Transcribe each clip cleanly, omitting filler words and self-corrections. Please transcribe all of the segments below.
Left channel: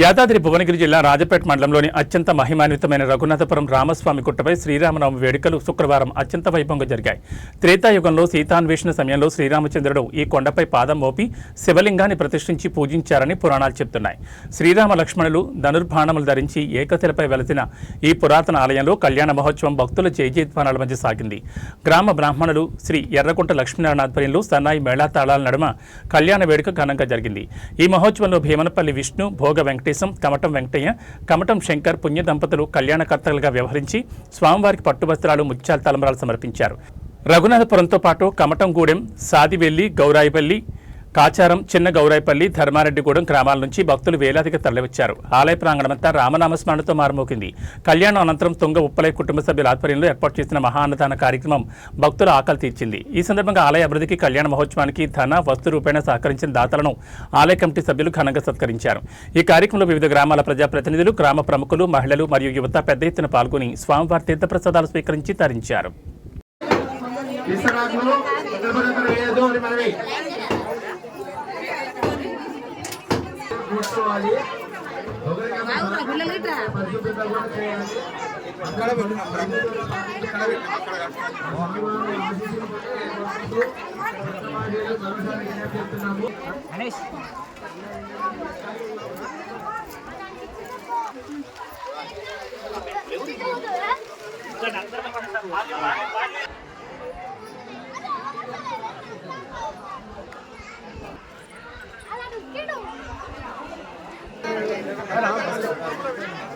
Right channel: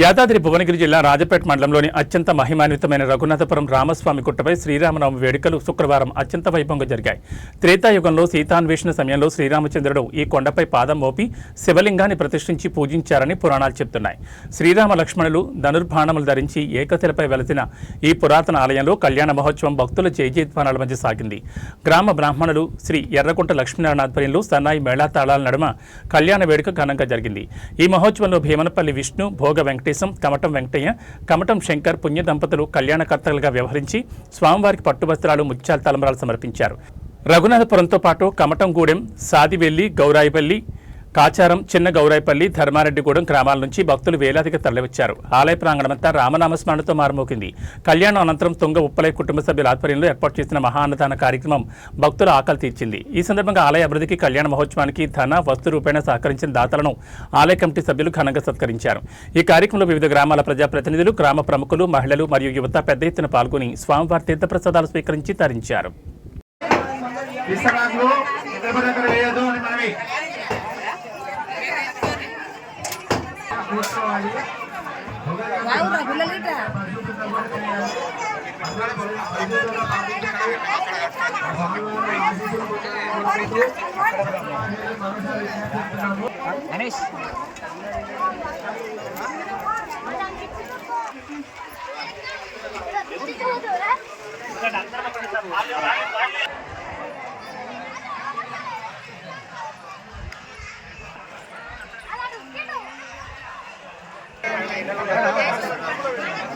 యాదాద్రి భువనగిరి జిల్లా రాజపేట మండలంలోని అత్యంత మహిమాన్వితమైన రఘునాథపురం రామస్వామి గుట్టపై శ్రీరామనవమి వేడుకలు శుక్రవారం అత్యంత వైభవంగా జరిగాయి. త్రేతాయుగంలో సీతాన్వేషణ సమయంలో శ్రీరామచంద్రుడు ఈ కొండపై పాదం మోపి శివలింగాన్ని ప్రతిష్ఠించి పూజించారని పురాణాలు చెబుతున్నాయి. శ్రీరామ లక్ష్మణులు ధనుర్బాణములు ధరించి ఏకశిలపై వెలసిన ఈ పురాతన ఆలయంలో కళ్యాణ మహోత్సవం భక్తుల జయజయధ్వానాల మధ్య సాగింది. గ్రామ బ్రాహ్మణులు శ్రీ ఎర్రకుంట లక్ష్మీనారాయణ ఆధ్వర్యంలో సన్నాయి మేళతాళాల నడుమ కళ్యాణ వేడుక ఘనంగా జరిగింది. ఈ మహోత్సవంలో భీమనపల్లి విష్ణు, భోగ వెంకటేశం, కమటం వెంకటయ్య, కమటం శంకర్ పుణ్య దంపతులు కళ్యాణకర్తలుగా వ్యవహరించి స్వామివారికి పట్టువస్త్రాలు, ముత్యాల తలంబరాలు సమర్పించారు. రఘునాథపురంతో పాటు కమటంగూడెం, సాదివెల్లి, గౌరాయిపల్లి, కాచారం, చిన్న గౌరాయిపల్లి, ధర్మారెడ్డిగూడెం గ్రామాల నుంచి భక్తులు వేలాదిగా తరలివచ్చారు. ఆలయ ప్రాంగణమంతా రామనామస్మరణతో మారుమోగింది. కళ్యాణం అనంతరం తుంగ ఉప్పలై కుటుంబ సభ్యుల ఆధ్వర్యంలో ఏర్పాటు చేసిన మహా అన్నదాన కార్యక్రమం భక్తుల ఆకలి తీర్చింది. ఈ సందర్భంగా ఆలయ అభివృద్ధికి, కళ్యాణ మహోత్సవానికి ధన, వస్తు రూపేణ సహకరించిన దాతలను ఆలయ కమిటీ సభ్యులు ఘనంగా సత్కరించారు. ఈ కార్యక్రమంలో వివిధ గ్రామాల ప్రజాప్రతినిధులు, గ్రామ ప్రముఖులు, మహిళలు మరియు యువత పెద్ద ఎత్తున పాల్గొని స్వామివారి తీర్థప్రసాదాలు స్వీకరించి తరించారు.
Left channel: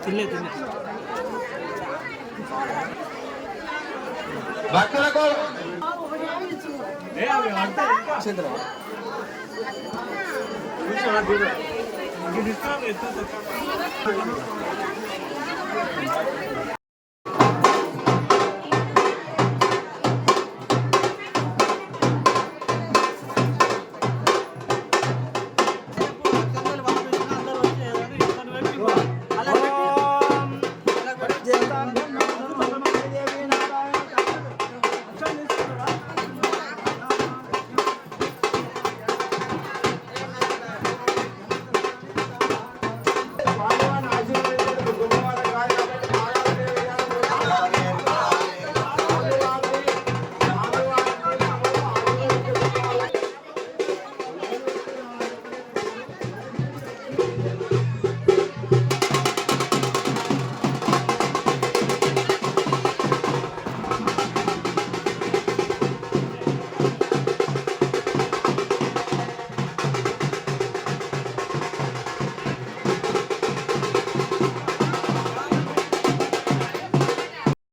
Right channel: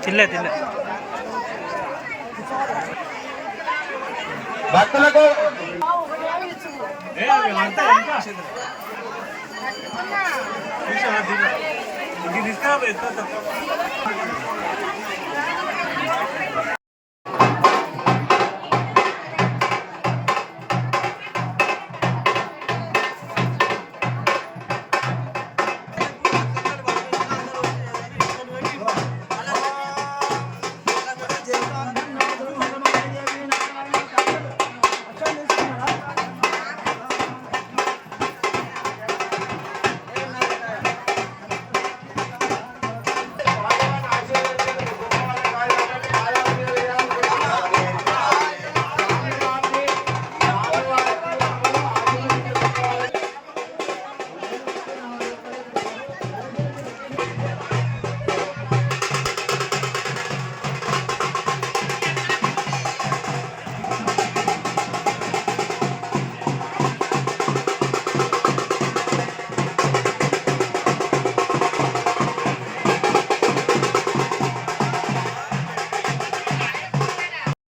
తిల్లే భక్తులకు